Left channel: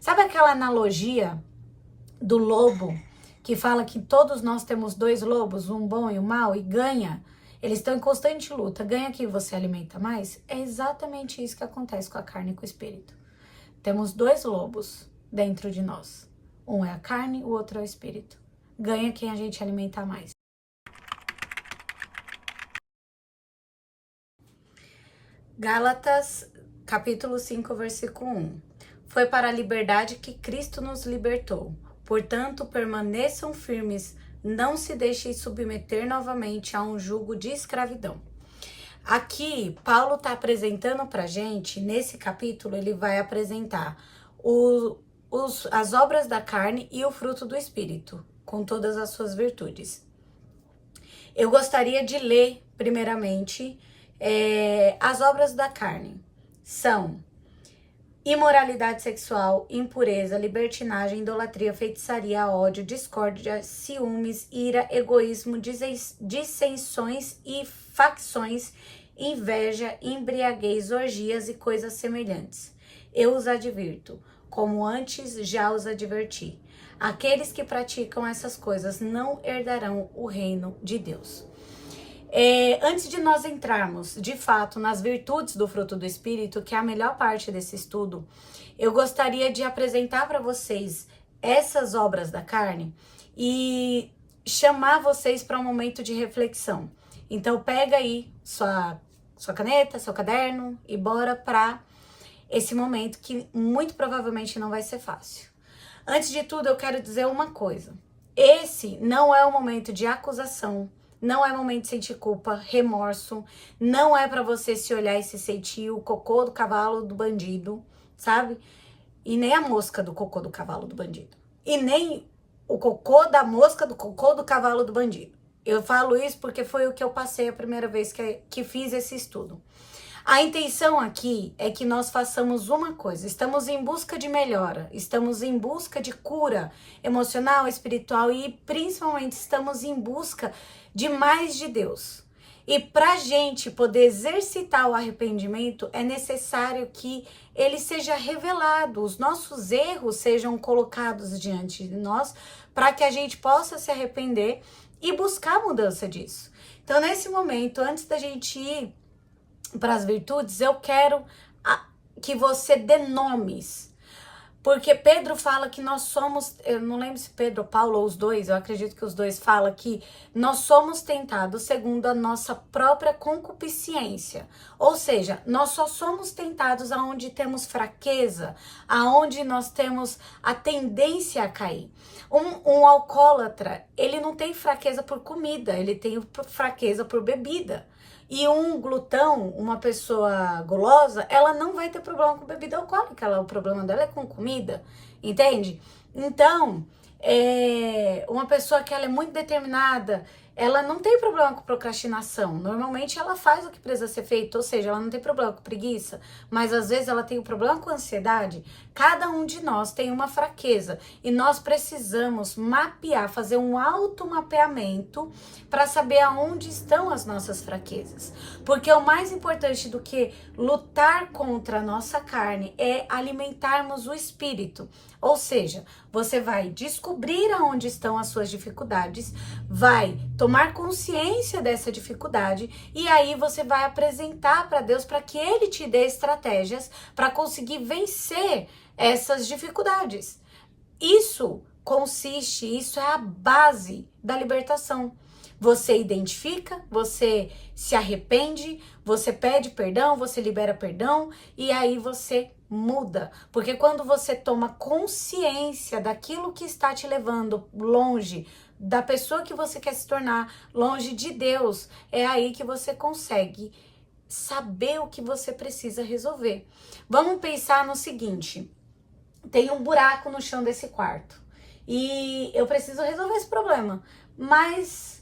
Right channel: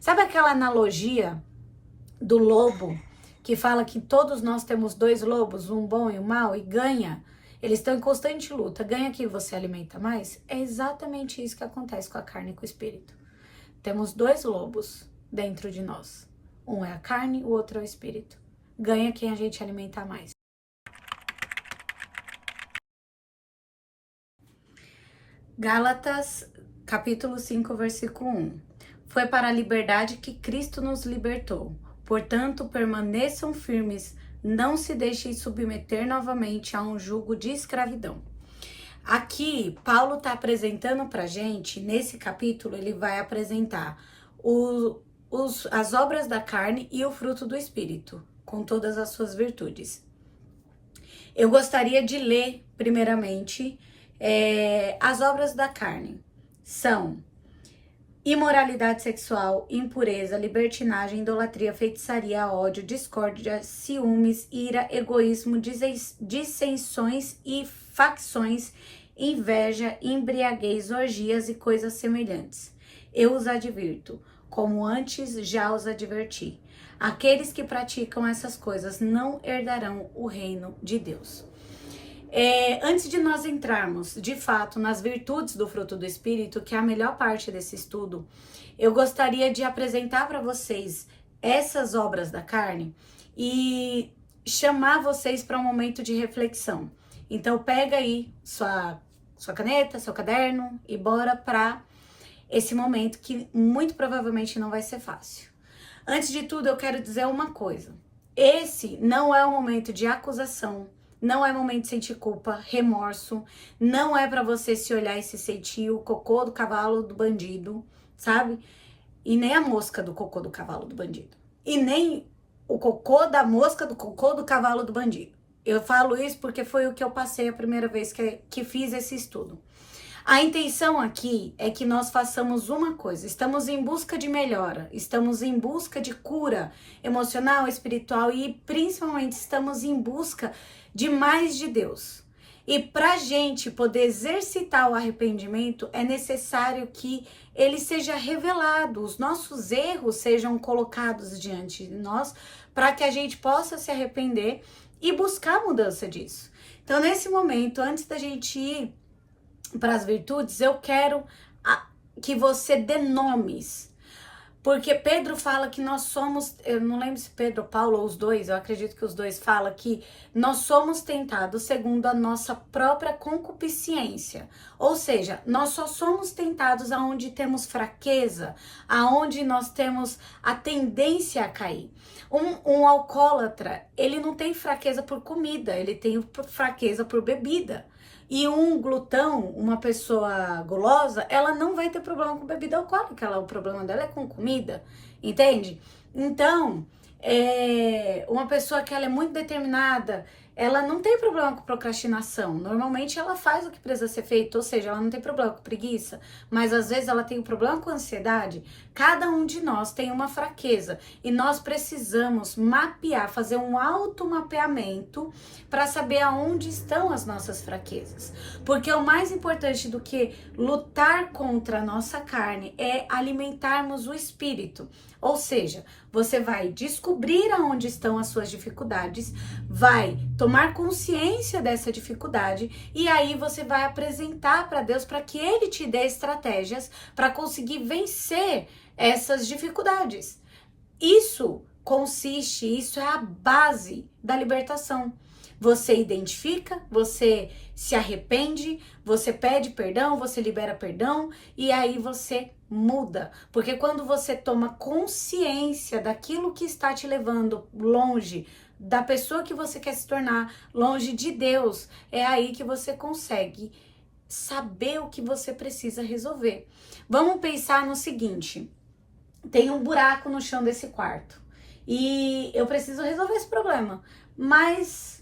Sabe aquela analogia do lobo que fala que todos nós temos dois lobos, um bom e um mau, e ganha? Eles estão em constante luta. Ganha quem você alimenta mais? É exatamente isso que acontece com a carne e com o espírito. Temos dois lobos dentro de nós. Um é a carne, o outro é o espírito. Ganha quem a gente alimenta mais. Gálatas, capítulo 5, versículo 1. Foi para a liberdade que Cristo nos libertou. Portanto, permaneçam firmes, não se deixem submeter novamente a um jugo de escravidão. Aqui, Paulo está apresentando para a gente, nesse capítulo, ele vai apresentar as obras da carne e o fruto do Espírito, com todas as suas virtudes. Eu gostaria de ler, primeiramente, as obras da carne. São imoralidade sexual, impureza, libertinagem, idolatria, feitiçaria, ódio, discórdia, ciúmes, ira, egoísmo, dissensões e facções, inveja, embriaguez, orgias e coisas semelhantes. Eu os advirto, como antes já os adverti. Aqueles que praticam essas coisas não herdarão o reino de Deus. Antes de nós entrarmos, de fato, nas virtudes do fruto do Espírito, que é a melhor parte desse estudo, eu gostaria de apresentar para vocês essas obras da carne e chamar vocês para um momento de reflexão. Então, pega aí sua caneta, seu caderno e bora para esse momento que muito provavelmente não vai ser fácil. Antes de tudo, eu quero dizer uma coisa. Esse não é um momento de acusação, não é momento de sentir culpa, remorso, não é para você se olhar e se sentir o cocô do cavalo do bandido, sabe? E nem a mosca do cocô do cavalo do bandido. E nem o cocô da mosca do cocô do cavalo do bandido. Eu falo isso porque foi o que eu passei a primeira vez que fiz esse estudo. A intenção aqui é que nós façamos uma coisa, estamos em busca de melhora, estamos em busca de cura emocional, espiritual e principalmente estamos em busca de mais de Deus. E para a gente poder exercitar o arrependimento, é necessário que ele seja revelado, os nossos erros sejam colocados diante de nós, para que a gente possa se arrepender e buscar a mudança disso. Então, nesse momento, antes da gente ir para as virtudes, eu quero que você dê nomes. Porque Pedro fala que nós somos, eu não lembro se Pedro, Paulo ou os dois, eu acredito que os dois falam que nós somos tentados segundo a nossa própria concupiscência. Ou seja, nós só somos tentados aonde temos fraqueza, aonde nós temos a tendência a cair. Um alcoólatra, ele não tem fraqueza por comida, ele tem fraqueza por bebida. E um glutão, uma pessoa gulosa, ela não vai ter problema com bebida alcoólica, o problema dela é com comida, entende? Então, uma pessoa que ela é muito determinada, ela não tem problema com procrastinação. Normalmente ela faz o que precisa ser feito, ou seja, ela não tem problema com preguiça, mas às vezes ela tem um problema com ansiedade. Cada um de nós tem uma fraqueza e nós precisamos mapear, fazer um automapeamento para saber aonde estão as nossas fraquezas. Porque o mais importante do que lutar contra a nossa carne é alimentarmos o espírito. Ou seja, você vai descobrir aonde estão as suas dificuldades, vai tomar consciência dessa dificuldade e aí você vai apresentar para Deus para que Ele te dê estratégias para conseguir vencer essas dificuldades. Isso é a base da libertação. Você identifica, você se arrepende, você pede perdão, você libera perdão e aí você muda. Porque quando você toma consciência daquilo que está te levando longe da pessoa que você quer se tornar, longe de Deus, é aí que você consegue saber o que você precisa resolver. Vamos pensar no seguinte: tem um buraco no chão desse quarto e eu preciso resolver esse problema, mas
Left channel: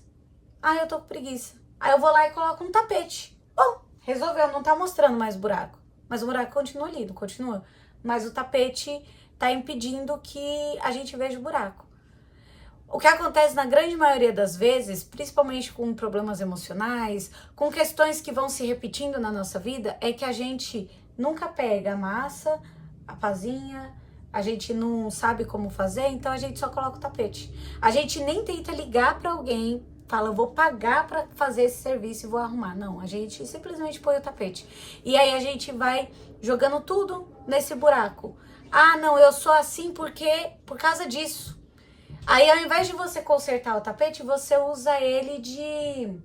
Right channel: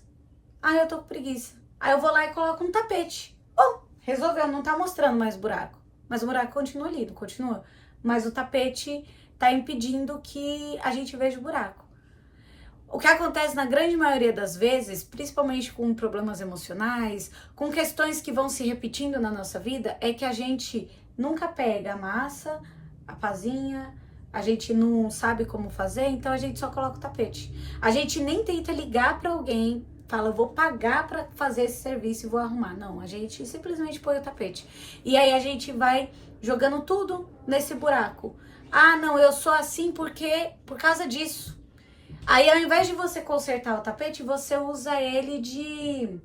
eu tô com preguiça. Aí eu vou lá e coloco um tapete. Bom, resolveu, não tá mostrando mais o buraco. Mas o buraco continua ali, não continua. Mas o tapete tá impedindo que a gente veja o buraco. O que acontece na grande maioria das vezes, principalmente com problemas emocionais, com questões que vão se repetindo na nossa vida, é que a gente nunca pega a massa, a pazinha, a gente não sabe como fazer, então a gente só coloca o tapete. A gente nem tenta ligar para alguém, fala, vou pagar para fazer esse serviço e vou arrumar. Não, a gente simplesmente põe o tapete. E aí a gente vai jogando tudo nesse buraco. Ah, não, eu sou assim porque por causa disso. Aí ao invés de você consertar o tapete, você usa ele de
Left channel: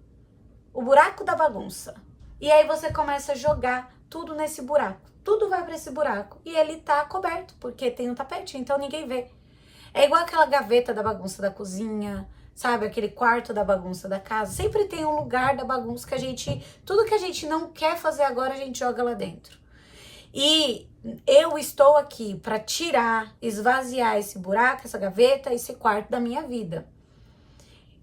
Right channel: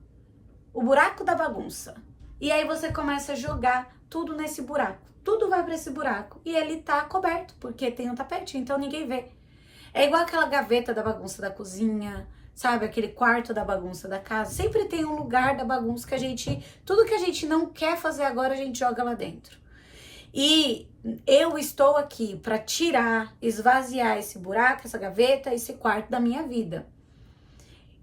o buraco da bagunça. E aí você começa a jogar tudo nesse buraco. Tudo vai para esse buraco e ele tá coberto, porque tem um tapete, então ninguém vê. É igual aquela gaveta da bagunça da cozinha, sabe? Aquele quarto da bagunça da casa. Sempre tem um lugar da bagunça que a gente... Tudo que a gente não quer fazer agora, a gente joga lá dentro. E eu estou aqui para tirar, esvaziar esse buraco, essa gaveta, esse quarto da minha vida.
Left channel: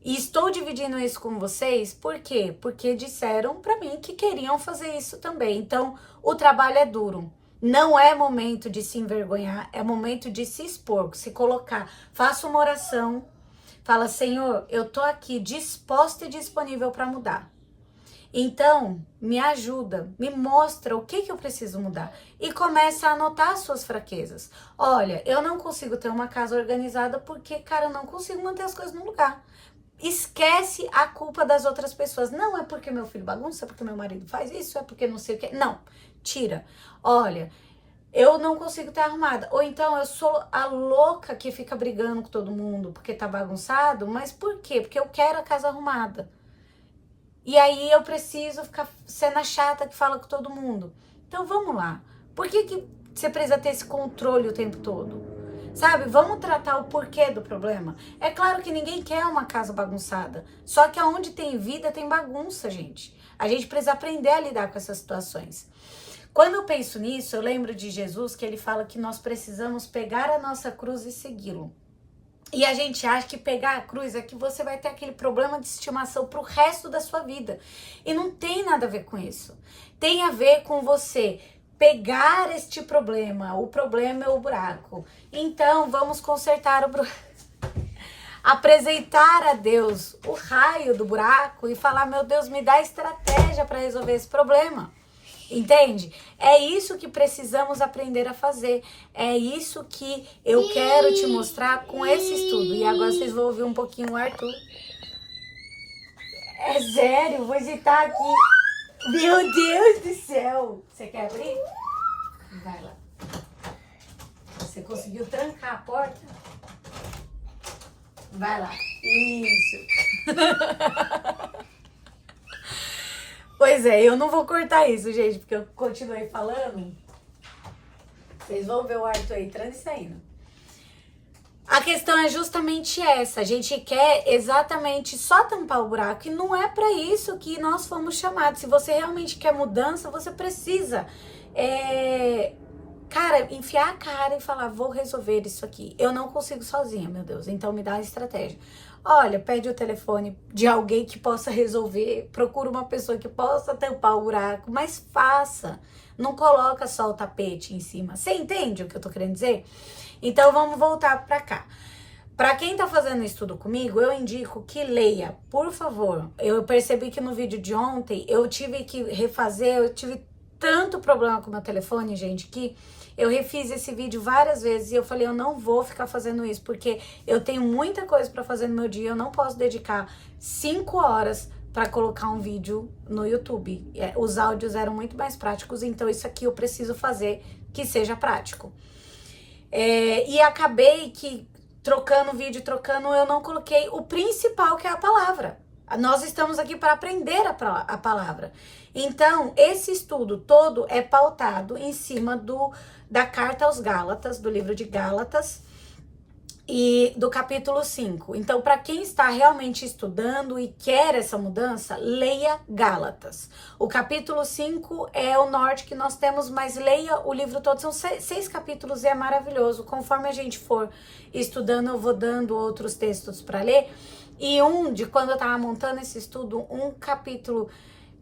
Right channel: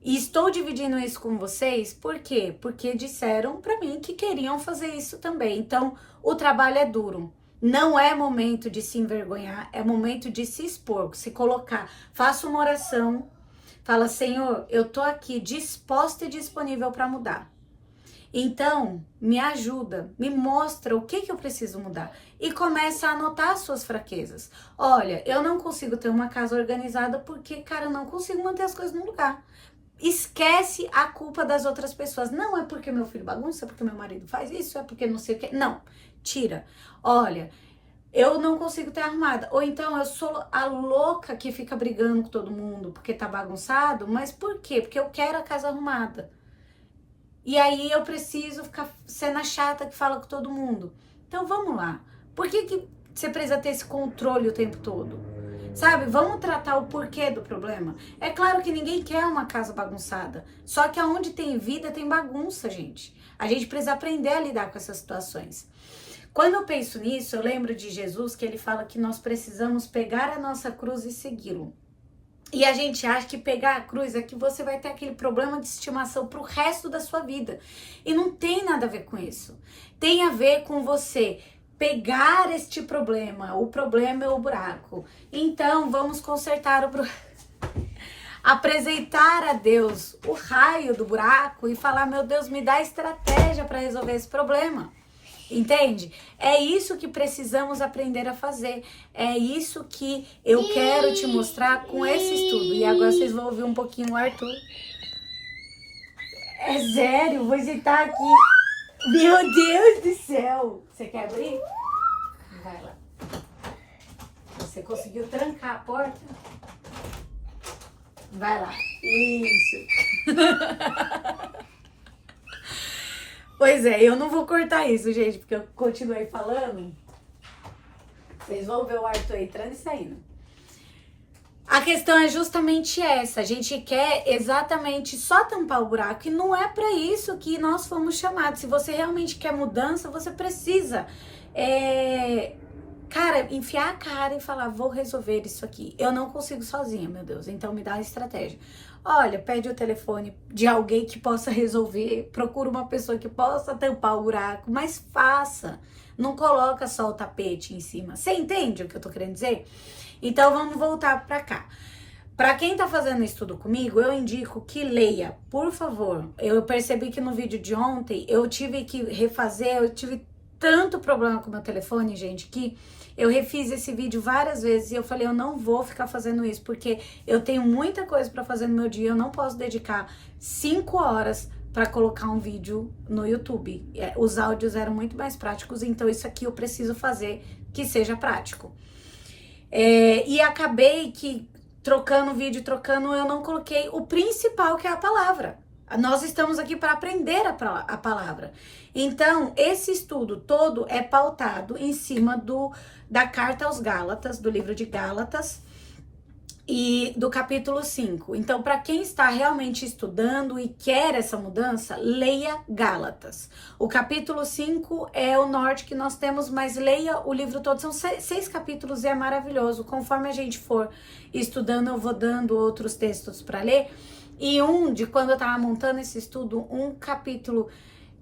E estou dividindo isso com vocês, por quê? Porque disseram para mim que queriam fazer isso também. Então, o trabalho é duro. Não é momento de se envergonhar, é momento de se expor, se colocar. Faça uma oração, fala, Senhor, eu tô aqui disposta e disponível para mudar. Então, me ajuda, me mostra o que eu preciso mudar. E começa a anotar as suas fraquezas. Olha, eu não consigo ter uma casa organizada porque, cara, eu não consigo manter as coisas no lugar. Esquece a culpa das outras pessoas. Não é porque meu filho bagunça, é porque meu marido faz isso, é porque não sei o que. Não, tira. Olha, eu não consigo estar arrumada. Ou então eu sou a louca que fica brigando com todo mundo porque tá bagunçado. Mas por quê? Porque eu quero a casa arrumada. E aí eu preciso ficar sendo a chata que fala com todo mundo. Então vamos lá. Por que você precisa ter esse controle o tempo todo? Sabe, vamos tratar o porquê do problema. É claro que ninguém quer uma casa bagunçada. Só que aonde tem vida, tem bagunça, gente. A gente precisa aprender a lidar com essas situações. Quando eu penso nisso, eu lembro de Jesus que ele fala que nós precisamos pegar a nossa cruz e segui-lo. E a gente acha que pegar a cruz é que você vai ter aquele problema de estimação pro resto da sua vida. E não tem nada a ver com isso. Tem a ver com você pegar este problema. O problema é o buraco. Então, vamos consertar o buraco. Apresentar a Deus o raio do buraco e falar, meu Deus, me dá estratégia para resolver esse problema. Entende? É isso que precisamos aprender a fazer. É isso que eu quero te mostrar com esse estudo. E agora vocês vão ouvir um pouquinho o Arthur. É sério, vou agitar aqui. Meu Deus do céu! Você quer abrir? Vai lá. Você conseguiu trancar a porta? Vai lá. Isso. Pois é, eu não vou cortar isso, gente, porque eu continuei falando. Vocês vão ver o Arthur entrando e saindo. A questão é justamente essa. A gente quer exatamente só tampar o buraco e não é para isso que nós fomos chamados. Se você realmente quer mudança, você precisa, cara, enfiar a cara e falar, vou resolver isso aqui. Eu não consigo sozinha, meu Deus, então me dá uma estratégia. Olha, pede o telefone de alguém que possa resolver, procura uma pessoa que possa tampar o buraco, mas faça. Não coloca só o tapete em cima. Você entende o que eu tô querendo dizer? Então, vamos voltar para cá. Para quem tá fazendo estudo comigo, eu indico que leia, por favor. Eu percebi que no vídeo de ontem, eu tive que refazer, eu tive tanto problema com o meu telefone, gente, que eu refiz esse vídeo várias vezes e eu falei, eu não vou ficar fazendo isso, porque eu tenho muita coisa para fazer no meu dia, eu não posso dedicar 5 horas para colocar um vídeo no YouTube. Os áudios eram muito mais práticos, então isso aqui eu preciso fazer que seja prático. E acabei que trocando vídeo, eu não coloquei o principal, que é a palavra. Nós estamos aqui para aprender a palavra. Então, esse estudo todo é pautado em cima da carta aos Gálatas, do livro de Gálatas, e do capítulo 5. Então, para quem está realmente estudando e quer essa mudança, leia Gálatas. O capítulo 5 é o norte que nós temos, mas leia o livro todo. São 6 capítulos e é maravilhoso. Conforme a gente for estudando, eu vou dando outros textos para ler. E quando eu estava montando esse estudo, um capítulo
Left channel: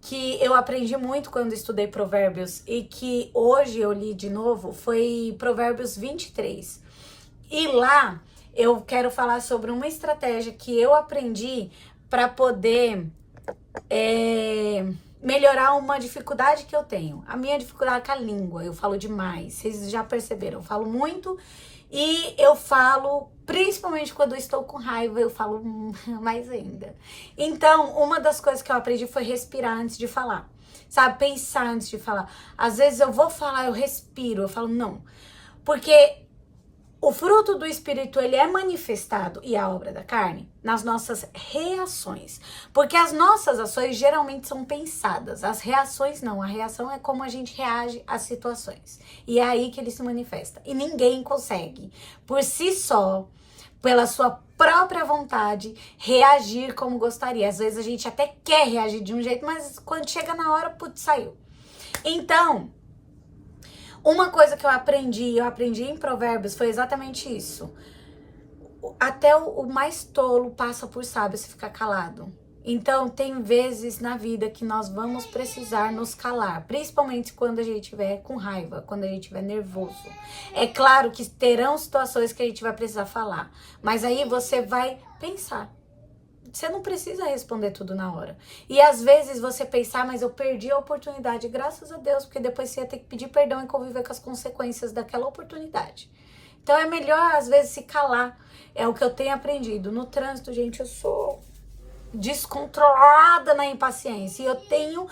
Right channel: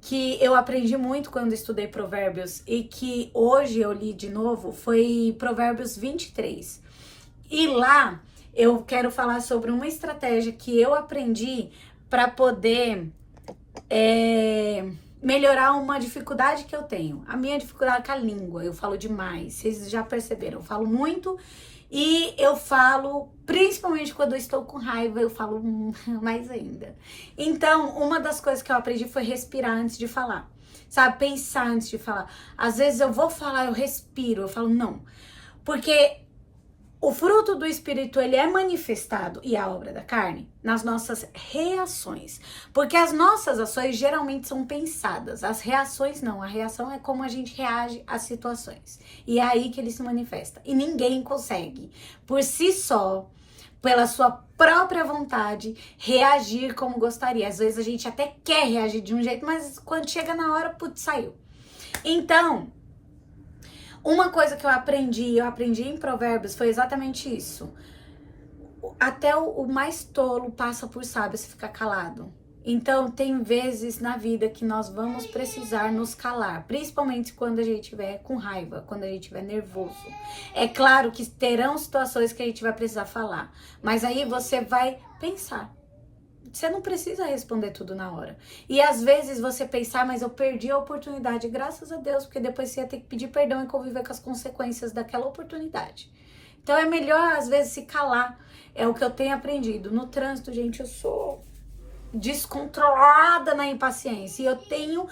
que eu aprendi muito quando estudei Provérbios e que hoje eu li de novo foi Provérbios 23. E lá eu quero falar sobre uma estratégia que eu aprendi para poder melhorar uma dificuldade que eu tenho. A minha dificuldade é com a língua, eu falo demais, vocês já perceberam, eu falo muito E eu falo, principalmente quando eu estou com raiva, eu falo mais ainda. Então, uma das coisas que eu aprendi foi respirar antes de falar. Sabe, pensar antes de falar. Às vezes eu vou falar, eu respiro, eu falo não. Porque o fruto do Espírito, ele é manifestado, e a obra da carne, nas nossas reações. Porque as nossas ações geralmente são pensadas, as reações não. A reação é como a gente reage às situações. E é aí que ele se manifesta. E ninguém consegue, por si só, pela sua própria vontade, reagir como gostaria. Às vezes a gente até quer reagir de um jeito, mas quando chega na hora, putz, saiu. Então, uma coisa que eu aprendi em Provérbios, foi exatamente isso. Até o mais tolo passa por sábio se ficar calado. Então, tem vezes na vida que nós vamos precisar nos calar, principalmente quando a gente estiver com raiva, quando a gente estiver nervoso. É claro que terão situações que a gente vai precisar falar, mas aí você vai pensar. Você não precisa responder tudo na hora. E às vezes você pensar, mas eu perdi a oportunidade, graças a Deus, porque depois você ia ter que pedir perdão e conviver com as consequências daquela oportunidade. Então é melhor, às vezes, se calar. É o que eu tenho aprendido. No trânsito, gente, eu sou descontrolada na impaciência. E eu tenho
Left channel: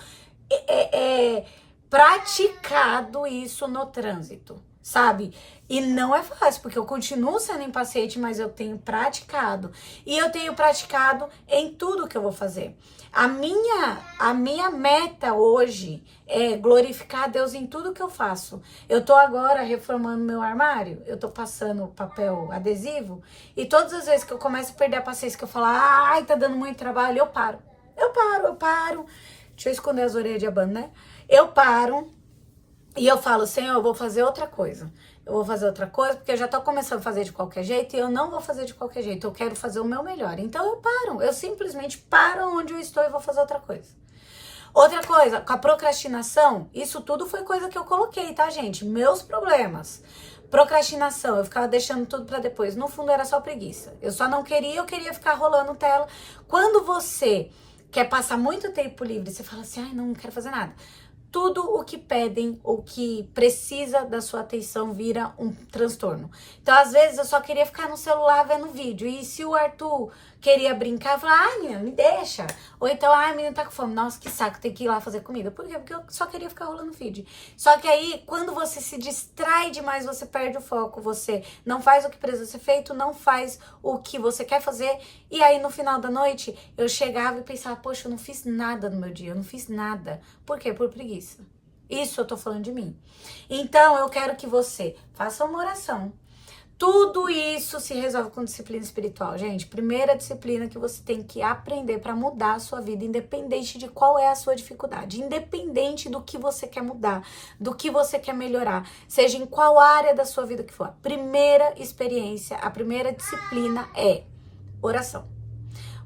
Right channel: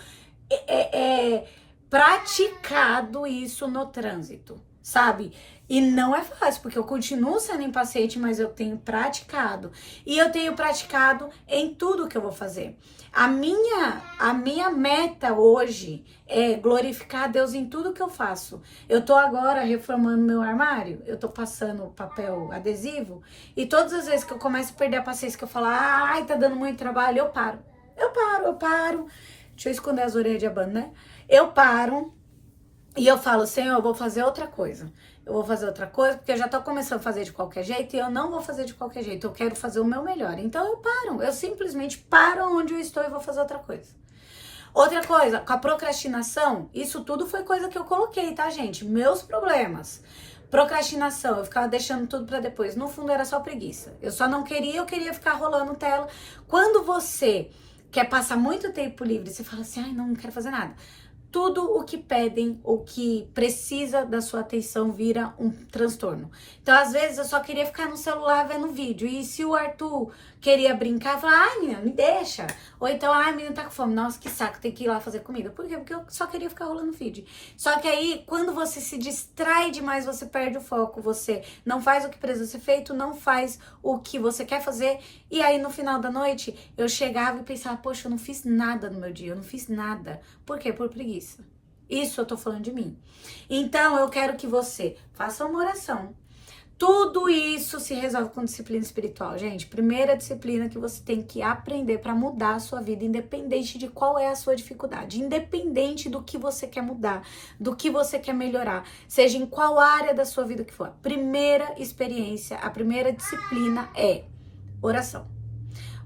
praticado isso no trânsito, sabe? E não é fácil, porque eu continuo sendo impaciente, mas eu tenho praticado. E eu tenho praticado em tudo que eu vou fazer. A minha meta hoje é glorificar a Deus em tudo que eu faço. Eu tô agora reformando meu armário, eu tô passando papel adesivo, e todas as vezes que eu começo a perder a paciência, que eu falo, ai, tá dando muito trabalho, eu paro. Eu paro. Deixa eu esconder as orelhas de abano, né? Eu paro e eu falo, Senhor, eu vou fazer outra coisa. Eu vou fazer outra coisa, porque eu já tô começando a fazer de qualquer jeito e eu não vou fazer de qualquer jeito. Eu quero fazer o meu melhor. Então eu paro. Eu simplesmente paro onde eu estou e vou fazer outra coisa. Outra coisa, com a procrastinação, isso tudo foi coisa que eu coloquei, tá, gente? Meus problemas. Procrastinação, eu ficava deixando tudo pra depois. No fundo era só preguiça. Eu só não queria, eu queria ficar rolando tela. Quando você quer passar muito tempo livre, você fala assim, ai, não quero fazer nada. Tudo o que pedem, o que precisa da sua atenção vira um transtorno. Então, às vezes, eu só queria ficar no celular vendo vídeo. E se o Arthur queria brincar, eu falava, ai, menina, me deixa. Ou então, ai, menina, tá com fome. Nossa, que saco, tem que ir lá fazer comida. Por quê? Porque eu só queria ficar rolando feed. Só que aí, quando você se distrai demais, você perde o foco. Você não faz o que precisa ser feito, não faz o que você quer fazer. E aí, no final da noite, eu chegava e pensava, poxa, eu não fiz nada no meu dia, eu não fiz nada. Por quê? Por preguiça. Isso eu tô falando de mim. Então, eu quero que você faça uma oração. Tudo isso se resolve com disciplina espiritual, gente. Primeira disciplina que você tem que aprender para mudar a sua vida, independente de qual é a sua dificuldade, independente do que você quer mudar, do que você quer melhorar, seja em qual área da sua vida que for. A primeira experiência, a primeira disciplina é oração.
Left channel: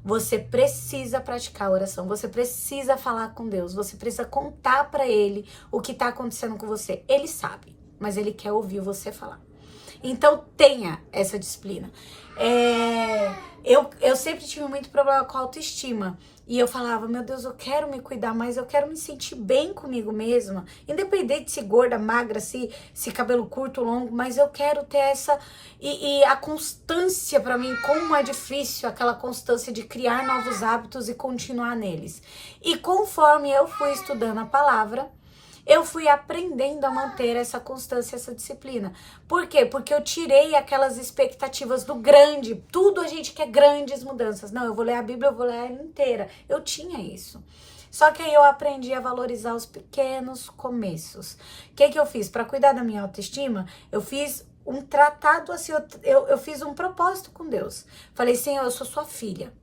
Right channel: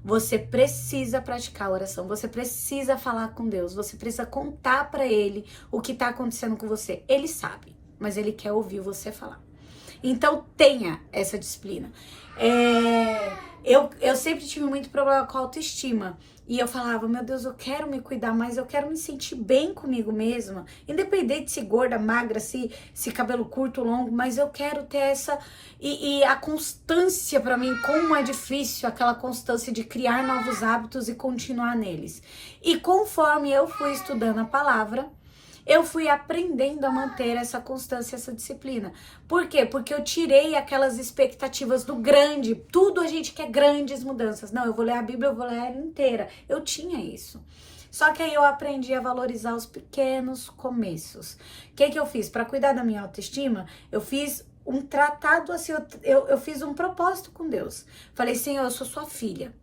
Você precisa praticar a oração, você precisa falar com Deus, você precisa contar para Ele o que está acontecendo com você. Ele sabe, mas Ele quer ouvir você falar. Então, tenha essa disciplina. Eu sempre tive muito problema com a autoestima. E eu falava, meu Deus, eu quero me cuidar mais, eu quero me sentir bem comigo mesma. Independente de se gorda, magra, se cabelo curto ou longo, mas eu quero ter essa... E a constância para mim, como é difícil aquela constância de criar novos hábitos e continuar neles. E conforme eu fui estudando a palavra, eu fui aprendendo a manter essa constância, essa disciplina. Por quê? Porque eu tirei aquelas expectativas do grande. Tudo a gente quer grandes mudanças. Não, eu vou ler a Bíblia, eu vou ler ela inteira. Eu tinha isso. Só que aí eu aprendi a valorizar os pequenos começos. O que eu fiz? Para cuidar da minha autoestima, eu fiz um tratado assim, eu fiz um propósito com Deus. Falei, Senhor, eu sou sua filha.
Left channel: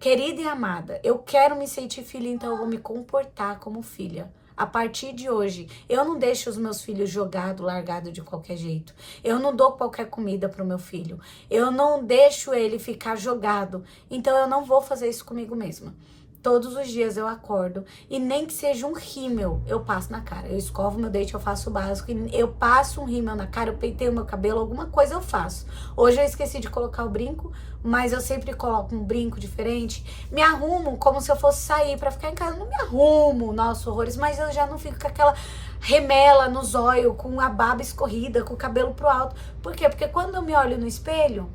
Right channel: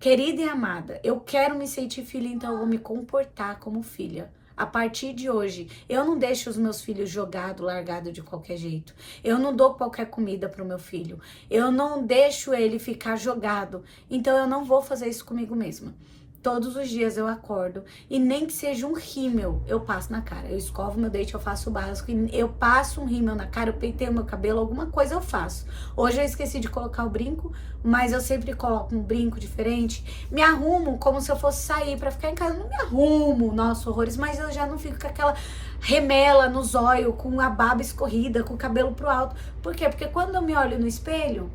Querida e amada, eu quero me sentir filha, então eu vou me comportar como filha. A partir de hoje, eu não deixo os meus filhos jogados, largados de qualquer jeito. Eu não dou qualquer comida pro meu filho. Eu não deixo ele ficar jogado. Então, eu não vou fazer isso comigo mesma. Todos os dias eu acordo e nem que seja um rímel, eu passo na cara. Eu escovo meu dente, eu faço o básico, eu passo um rímel na cara, eu penteio meu cabelo, alguma coisa eu faço. Hoje eu esqueci de colocar o brinco, mas eu sempre coloco um brinco diferente. Me arrumo como se eu fosse sair pra ficar em casa. Não me arrumo, nossa, horrores, mas eu já não fico com remela no zóio, com a baba escorrida, com o cabelo pro alto. Por quê? Porque quando eu me olho no espelho,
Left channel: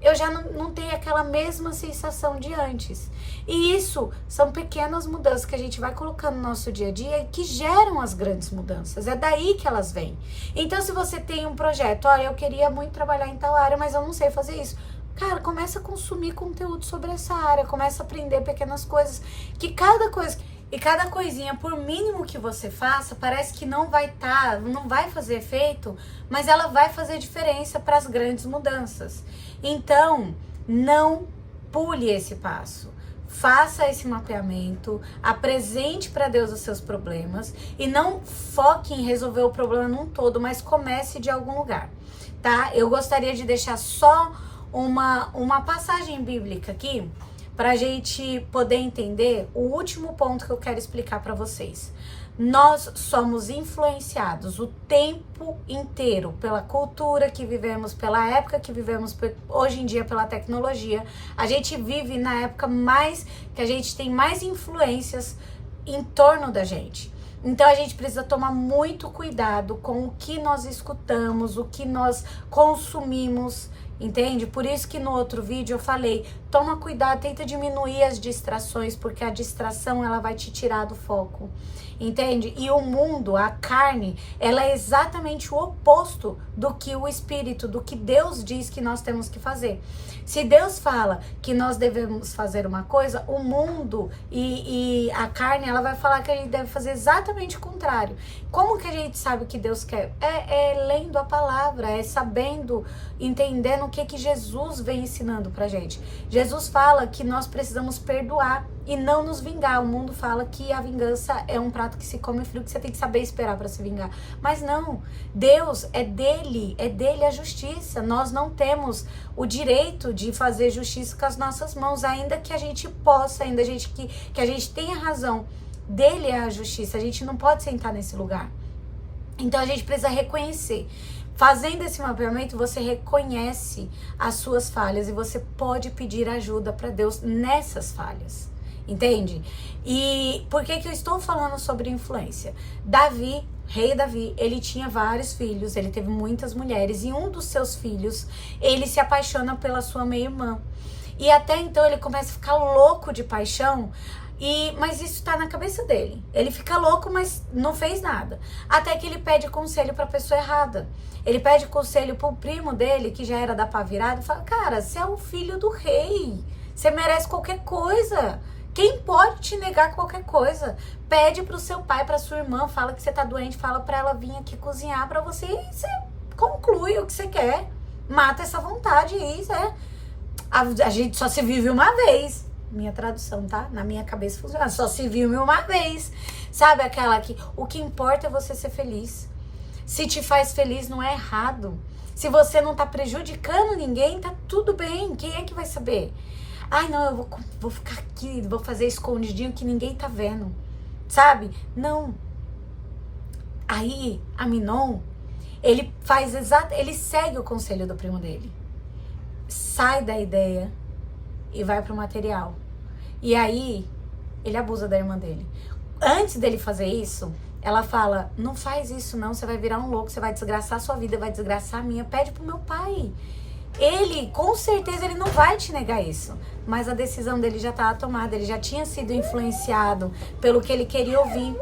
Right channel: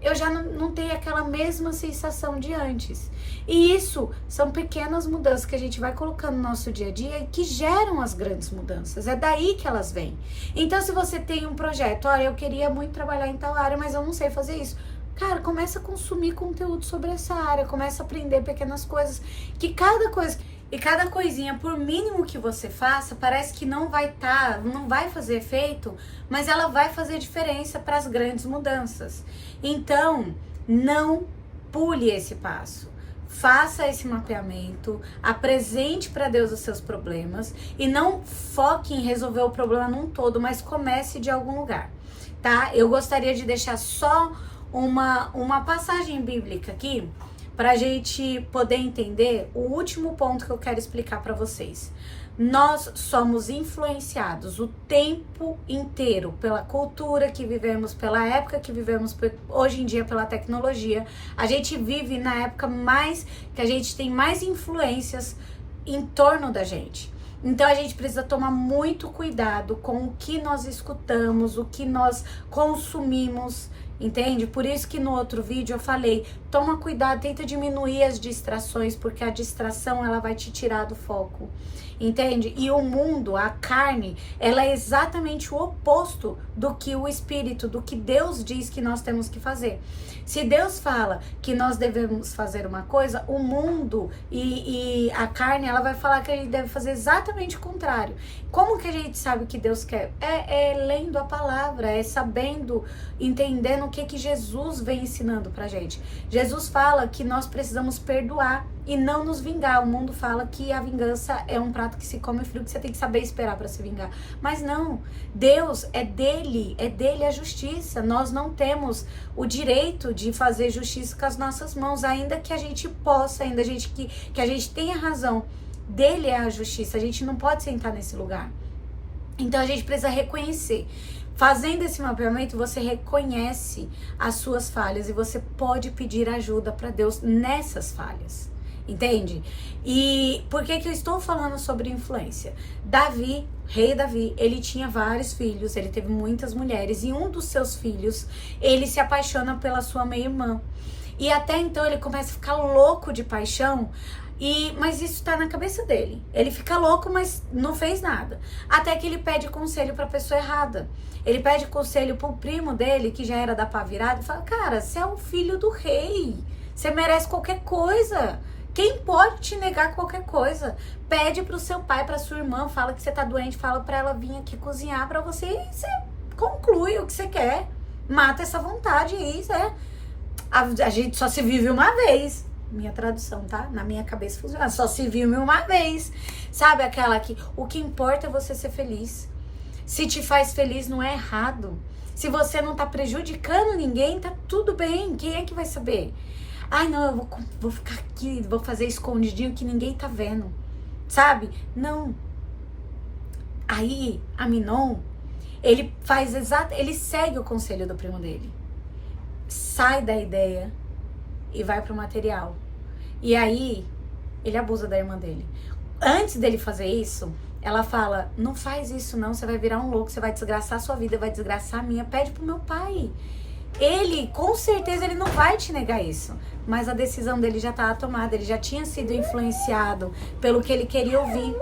eu já não tenho aquela mesma sensação de antes. E isso são pequenas mudanças que a gente vai colocando no nosso dia a dia e que geram as grandes mudanças. É daí que elas vêm. Então, se você tem um projeto, eu queria muito trabalhar em tal área, mas eu não sei fazer isso. Cara, começa a consumir conteúdo sobre essa área, começa a aprender pequenas coisas, que cada coisa e cada coisinha, por mínimo que você faça, parece que não vai fazer efeito, mas ela vai fazer diferença para as grandes mudanças. Então, não pule esse passo. Faça esse mapeamento, apresente para Deus os seus problemas e não foque em resolver o problema num todo, mas comece de algum lugar, tá? Eu gostaria de deixar só uma passagem bíblica aqui para a gente poder entender o último ponto que eu quero explicar para vocês. Nós somos influenciados o tempo inteiro pela cultura que vivemos, pela época que vivemos, hoje em dia pela tecnologia. A gente vive na época que a gente tem mais influências em torno da gente. Então a gente precisa tomar muito cuidado com o que nós escutamos, o que nós consumimos, entende? Por isso que no outro vídeo eu falei, toma cuidado, tenta diminuir as distrações, porque a distração ela vai te tirar do foco, entende? E o mundo, a carne, ela é exatamente o oposto do que o espírito, do que Deus diz que nós temos que fazer. Se Deus fala que nós devemos fazer uma coisa, o mundo e a carne, ela vai falar que a gente deve fazer exatamente o contrário. Como que a gente sabe o que Deus quer? É lendo a palavra, é sabendo, entendendo o que Jesus vem ensinando pra gente. Jesus fala que nós precisamos perdoar e não nos vingar. O mundo fala que a vingança é um prato que se come frio, que você tem que saber esperar para se vingar. Mas não, Deus é dele a justiça. Nós não temos o direito de fazer justiça com as nossas mãos, ainda que a gente possa, ainda que a gente tenha razão. Dele é a justiça, a gente não pode sentar nesse lugar. Então a gente precisa reconhecer. Fazendo esse mapeamento, você reconhece as suas falhas e você pode pedir ajuda para Deus nessas falhas. Entende? E por que eu estou falando sobre influência? Davi, rei Davi, ele tinha vários filhos, ele teve muitas mulheres, e um dos seus filhos, ele se apaixona pela sua meia-irmã. E até então ele começa a ficar louco de paixão, mas isso tá na cabeça dele. Ele fica louco, mas não fez nada. Até que ele pede conselho pra pessoa errada. Ele pede conselho pro primo dele, que já era da pá virada, e fala, cara, você é o filho do rei, você merece qualquer coisa. Quem pode te negar qualquer coisa? Pede pro seu pai, pra sua irmã, fala que você tá doente, fala pra ela vir aqui cozinhar pra você e você conclui o que você quer. Mata essa vontade aí, né? A gente só se vive uma vez. Minha tradução, tá? Na minha cabeça funciona. Só se vive uma vez. Sabe aquela que o que importa é você ser feliz. Se te faz feliz, não é errado. Se você não tá prejudicando ninguém, tá tudo bem. Quem é que vai saber? Ai, não, eu vou ficar aqui, vou fazer escondidinho que ninguém tá vendo, sabe? Não. Aí, Amnon, ele segue o conselho do primo dele. Sai da ideia e vai pro material. E aí, ele abusa da irmã dele. Antes dele fazer isso, ela fala, não faz isso não, você vai virar um louco, você vai desgraçar a sua vida, vai desgraçar a minha, pede pro meu pai. Ele, com certeza, ele não vai te negar isso. Mas a decisão dele já estava tomada, ele já tinha sido influenciado pelo que ele queria ouvir.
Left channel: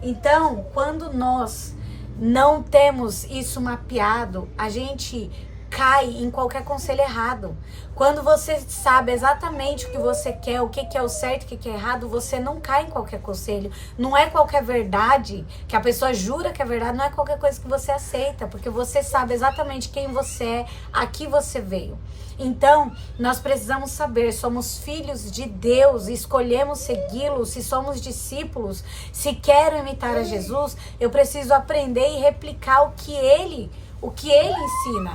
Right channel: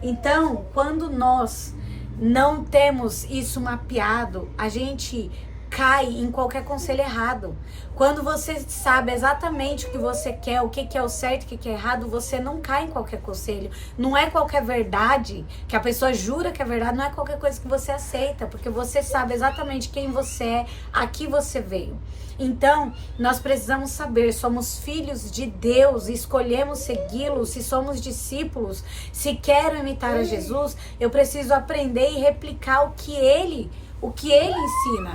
Então, quando nós não temos isso mapeado, a gente cai em qualquer conselho errado. Quando você sabe exatamente o que você quer, o que é o certo, o que é errado, você não cai em qualquer conselho. Não é qualquer verdade que a pessoa jura que é verdade, não é qualquer coisa que você aceita, porque você sabe exatamente quem você é, a que você veio. Então, nós precisamos saber, somos filhos de Deus, escolhemos segui-lo, se somos discípulos, se quero imitar a Jesus, eu preciso aprender e replicar o que ele ensina.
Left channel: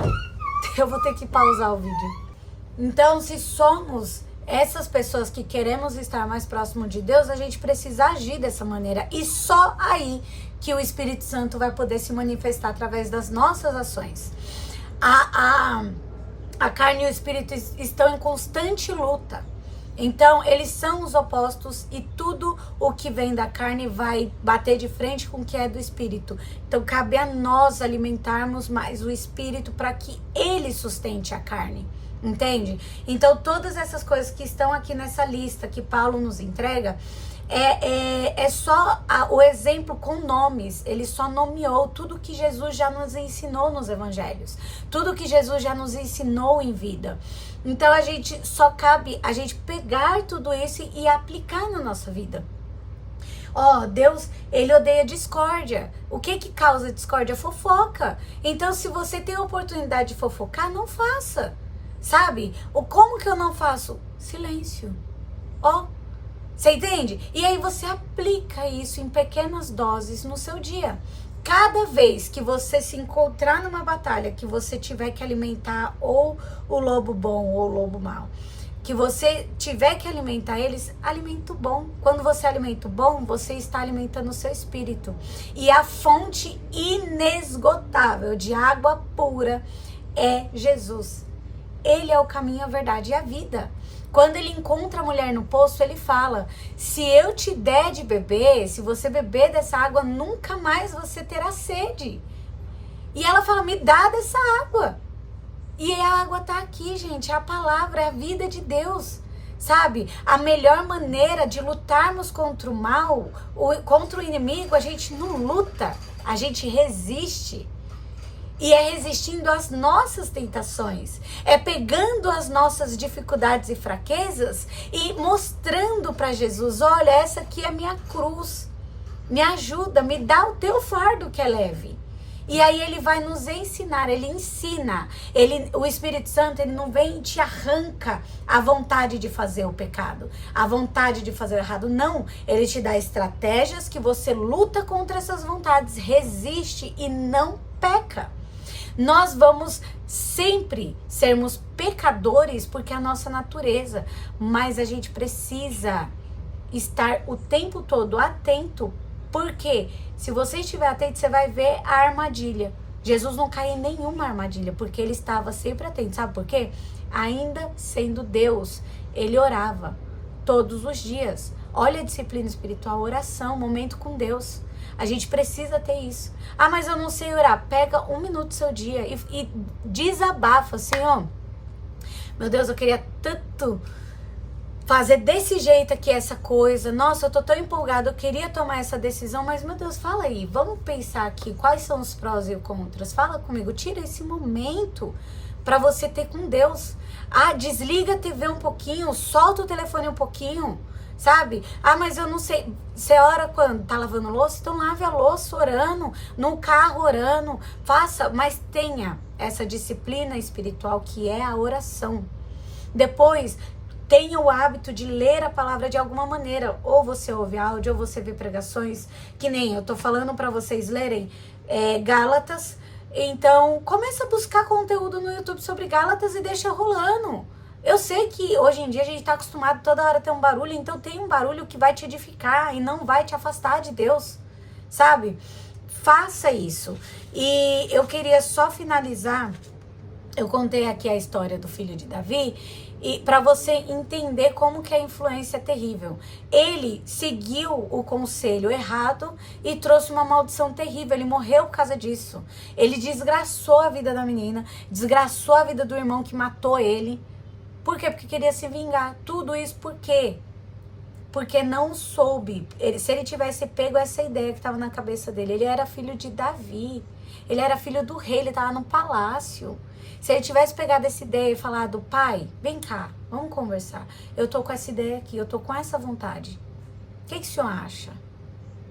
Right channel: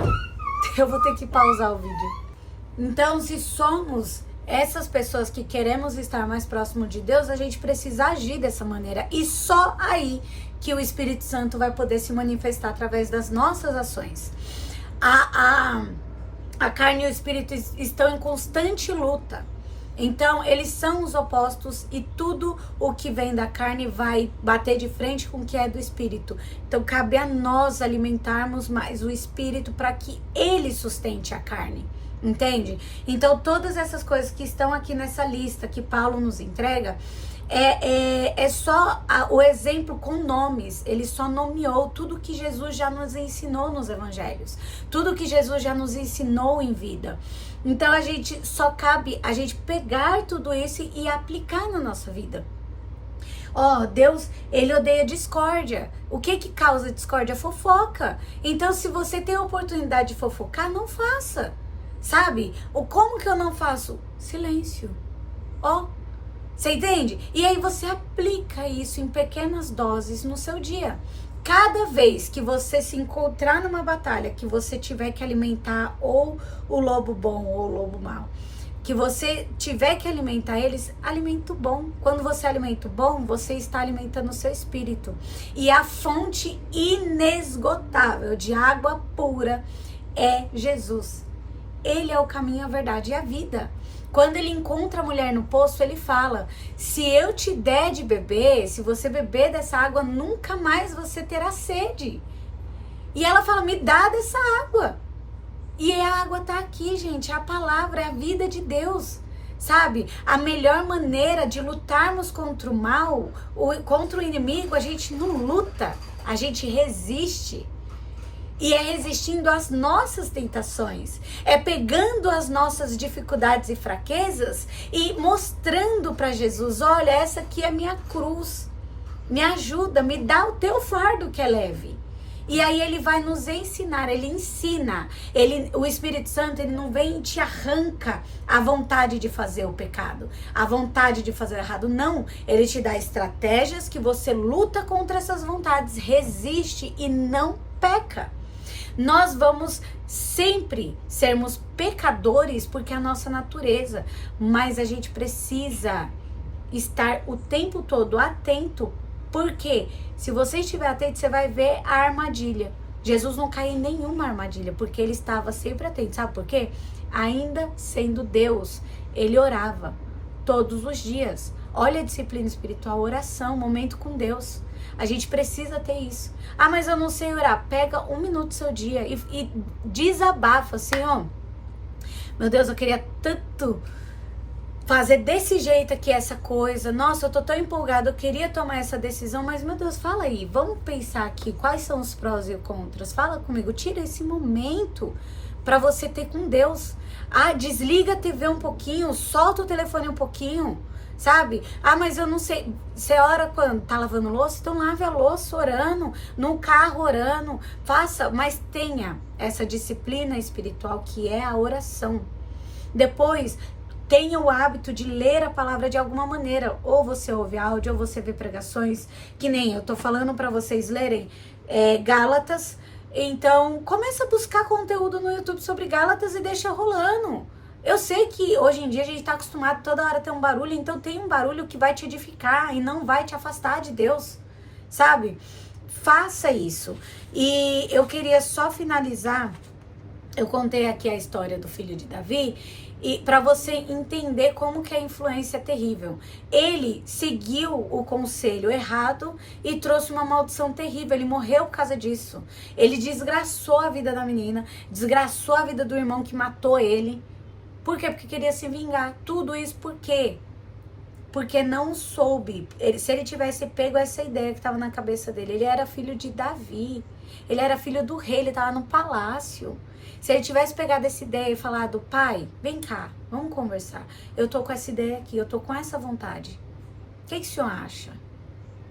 Eu vou ter que pausar o vídeo. Então, se somos essas pessoas que queremos estar mais próximo de Deus, a gente precisa agir dessa maneira. E só aí que o Espírito Santo vai poder se manifestar através das nossas ações. A carne e o espírito estão em constante luta. Então, eles são os opostos e tudo o que vem da carne vai bater de frente com o que é do espírito. Então, cabe a nós alimentarmos mais o espírito para que ele sustente a carne. Entende? Então, todas essas coisas que estão aqui nessa lista que Paulo nos entrega, é só o exemplo com nomes. Ele só nomeou tudo que Jesus já nos ensinou nos evangelhos. Tudo que Jesus já nos ensinou em vida. Então, só cabe a gente pegar tudo isso e aplicar na nossa vida. Deus, ele odeia discórdia. O que causa discórdia? Fofoca. Então, se você tem a oportunidade de fofocar, não faça. Sabe? Como que eu não faço? Silêncio. Você entende? E aí você aplica isso em pequenas doses no seu dia. Cada vez que você se encontrar numa batalha, que você tiver que alimentar ou o lobo bom ou o lobo mau, que você tiver que alimentar eles, alimento bom. Quando você alimenta o bom, você está alimentando o seu espírito. E a fonte inesgotável de água pura é Jesus. Ele é o caminho, a verdade e a vida. Quando ele encontra a mulher no poço, ele fala: se eu te der de beber, se você beber dessa água, nunca mais você terá sede. E ela fala: me dá dessa água. E a água tá aqui, gente. A palavra é a vida de Deus. Sabe? A melhor maneira de lutarmos contra o mal, contra o inimigo, a gente não luta, a gente resiste. E é resistindo às nossas tentações, é pegando as nossas dificuldades e fraquezas e mostrando para Jesus: olha, essa aqui é a minha cruz, me ajuda, me dá o teu fardo que é leve. E aí ele vai nos ensinar, ele ensina, o Espírito Santo, ele não vem e te arranca a vontade de fazer o pecado, a vontade de fazer o errado, não. Ele te dá estratégias que você luta contra essas vontades, resiste e não peca. Nós vamos sempre sermos pecadores porque é a nossa natureza, mas a gente precisa estar o tempo todo atento, porque se você estiver atento, você vai ver a armadilha. Jesus não caiu em nenhuma armadilha, porque ele estava sempre atento. Sabe por quê? Ainda sendo Deus, ele orava todos os dias. Olha a disciplina espiritual, oração, momento com Deus. A gente precisa ter isso. Mas eu não sei orar. Pega 1 minuto do seu dia e desabafa, Senhor. Meu Deus, eu queria tanto fazer desse jeito aqui essa coisa. Nossa, eu tô tão empolgada, eu queria tomar essa decisão, mas meu Deus, fala aí. Vamos pensar aqui quais são os prós e os contras. Fala comigo, tira esse momento pra você ter com Deus. Desliga a TV um pouquinho, solta o telefone um pouquinho. Sabe? Mas eu não sei. Você ora quando? Tá lavando louça? Então lave a louça orando, no carro orando. Faça, mas tenha essa disciplina espiritual que é a oração. Depois, tenha o hábito de ler a palavra de alguma maneira. Ou você ouve áudio, ou você vê pregações, que nem eu tô falando para vocês lerem Gálatas. Então, começa a buscar conteúdo no YouTube sobre Gálatas e deixa rolando. Eu sei que hoje em dia a gente tá acostumado toda hora a ter um barulho, então tem um barulho que vai te edificar e não vai te afastar de Deus, sabe? Faça isso. E eu queria só finalizar, eu contei aqui a história do filho de Davi, e para você entender como que a influência é terrível. Ele seguiu o conselho errado e trouxe uma maldição terrível. Ele morreu por causa disso. Ele desgraçou a vida da menina, desgraçou a vida do irmão que matou ele. Por quê? Porque queria se vingar. Tudo isso por quê? Porque não soube. Se ele tivesse pego essa ideia que estava na cabeça dele, ele era filho de Davi. Ele era filho do rei, ele estava no palácio. Se ele tivesse pegado essa ideia e falado: pai, vem cá, vamos conversar. Eu tô com essa ideia aqui, eu tô com essa vontade. O que o senhor acha?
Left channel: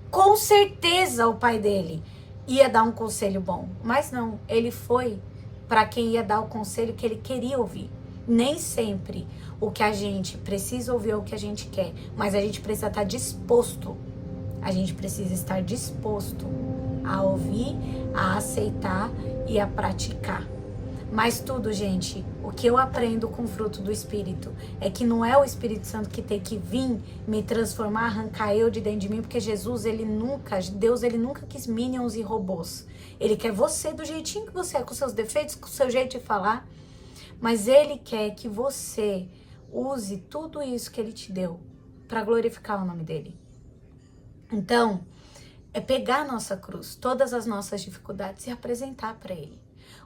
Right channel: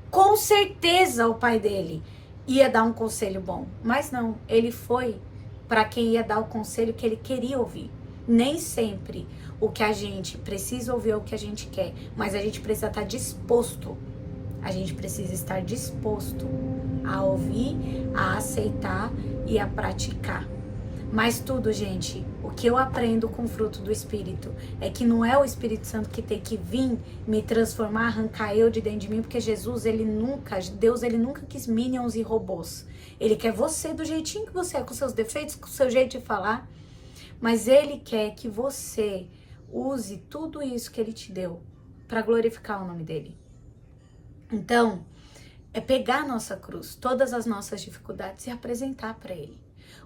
Com certeza o pai dele ia dar um conselho bom. Mas não, ele foi para quem ia dar o conselho que ele queria ouvir. Nem sempre o que a gente precisa ouvir é o que a gente quer, mas a gente precisa estar disposto. A gente precisa estar disposto a ouvir, a aceitar e a praticar. Mas tudo, gente, o que eu aprendo com o fruto do Espírito é que não é o Espírito Santo que tem que vir me transformar, arrancar eu de dentro de mim, porque Deus ele nunca quis minions e robôs. Ele quer você do jeitinho que você é, com seus defeitos, com o seu jeito de falar. Mas ele quer que você use tudo isso que Ele te deu para glorificar o nome dEle. Então, é pegar a nossa cruz, todas as nossas dificuldades e apresentar para Ele.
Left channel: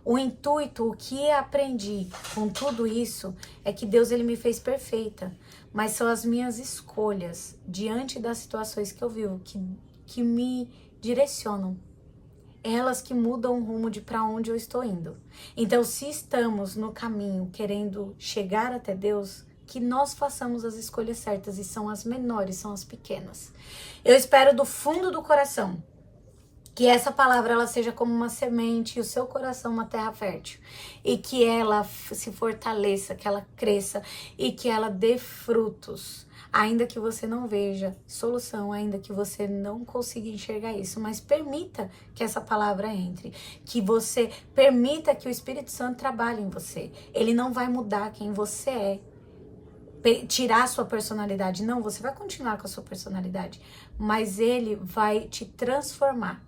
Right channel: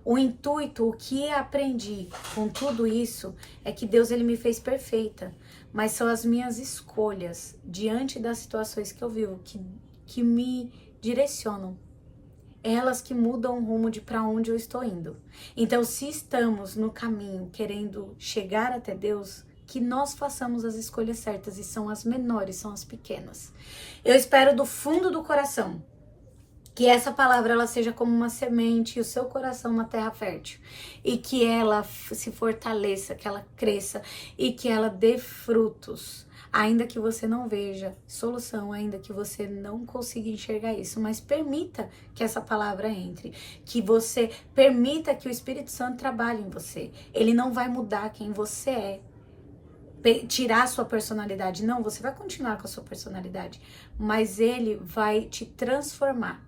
O intuito, o que aprendi com tudo isso é que Deus, Ele me fez perfeita, mas são as minhas escolhas diante das situações que eu vivo que me direcionam. Elas que mudam o rumo de para onde eu estou indo. Então, se estamos no caminho querendo chegar até Deus, que nós façamos as escolhas certas, e são as menores, são as pequenas. Eu espero do fundo do coração que essa palavra ela seja como uma semente e o seu coração uma terra fértil. E que ela se fortaleça, que ela cresça e que ela dê frutos. Ainda que você não veja solução, ainda que você não consiga enxergar isso, mas permita que essa palavra entre, que você permita que o Espírito Santo trabalhe em você. Ele não vai mudar quem você é, tirar a sua personalidade, não, você vai continuar com a sua personalidade, mas ele vai te transformar.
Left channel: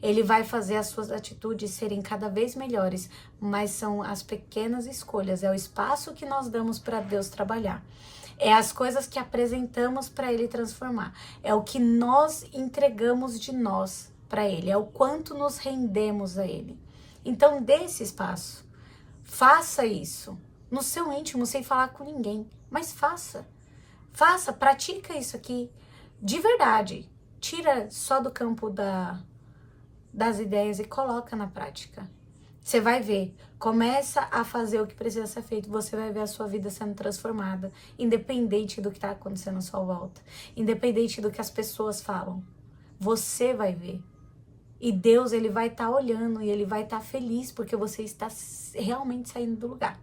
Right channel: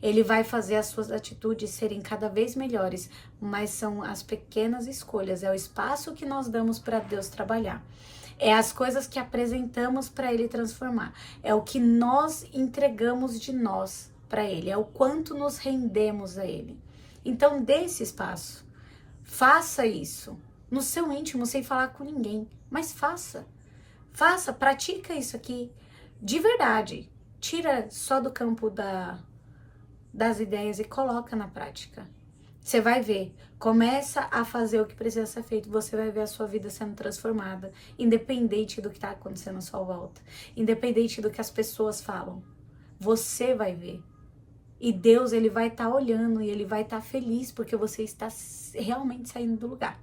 Ele vai fazer as suas atitudes serem cada vez melhores, mas são as pequenas escolhas, é o espaço que nós damos para Deus trabalhar. É as coisas que apresentamos para Ele transformar. É o que nós entregamos de nós para Ele. É o quanto nos rendemos a Ele. Então, dê esse espaço. Faça isso. No seu íntimo, sem falar com ninguém. Mas faça. Faça, pratica isso aqui. De verdade. Tira só do campo das ideias e coloca na prática. Você vai ver, começa a fazer o que precisa ser feito, você vai ver a sua vida sendo transformada, independente do que está acontecendo à sua volta, independente do que as pessoas falam, você vai ver. E Deus, Ele vai estar olhando e Ele vai estar feliz porque você está realmente saindo do lugar,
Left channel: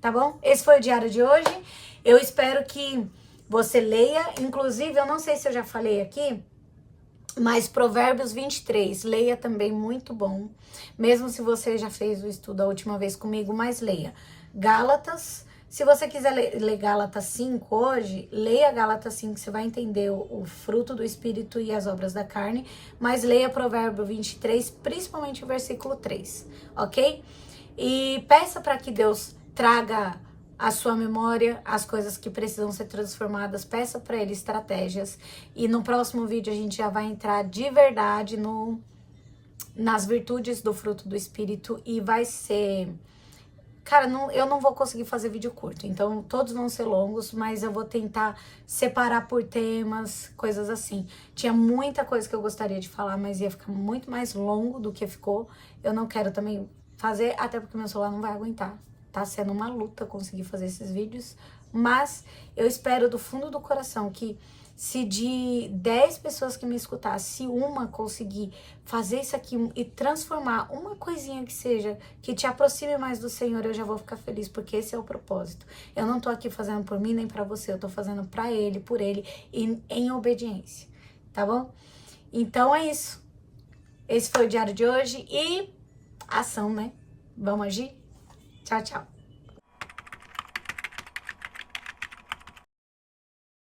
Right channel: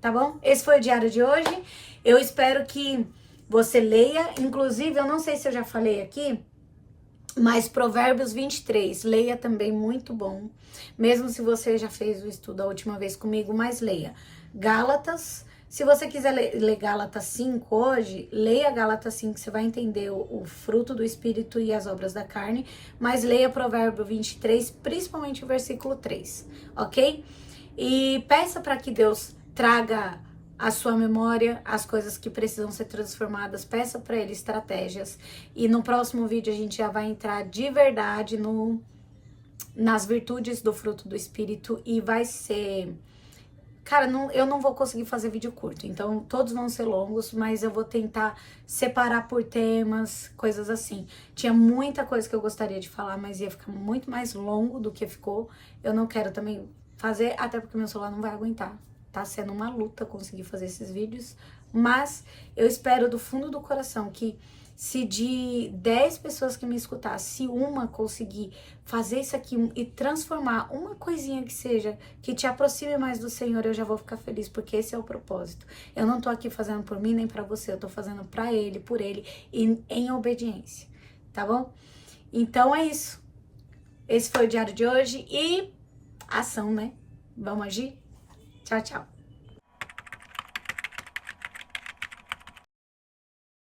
tá bom? Esse foi o diário de hoje, eu espero que você leia, inclusive, eu não sei se eu já falei aqui, mas Provérbios 23, leia também, muito bom. Mesmo se você já fez o estudo a última vez comigo, mas leia. Gálatas, se você quiser ler Gálatas 5 hoje, leia Gálatas 5, você vai entender o fruto do Espírito e as obras da carne. Mas leia Provérbio 23, principalmente o versículo 3, ok? E peça para que Deus traga a sua memória, as coisas que precisam ser transformadas, peça para Ele estratégias. E no próximo vídeo a gente já vai entrar de verdade nas virtudes do fruto do Espírito e vai ser... Cara, eu não vou conseguir fazer vídeo curto, então todos vão ser longos, mas eu vou tentar separar por temas, coisas assim. Tinha muita coisa que eu gostaria de falar, mas ia ficar muito mais longo do que ficou. Eu não quero também fazer, até porque meu celular não vai aguentar. Tá sendo uma luta conseguir fazer esses vídeos, mas eu espero do fundo do coração que se de 10 pessoas que me escutar, se uma conseguir fazer isso aqui e transformar uma coisinha que seja, que te aproxime mais do Senhor, eu já vou ficar feliz, porque esse é o propósito. Eu não tô aqui fazendo por mim nem pra você, eu tô fazendo pra Ele, por Ele e em obediência, tá bom? Então é isso. Esse foi o diário de hoje e ação, né? Vamos agir? Tchau, tchau.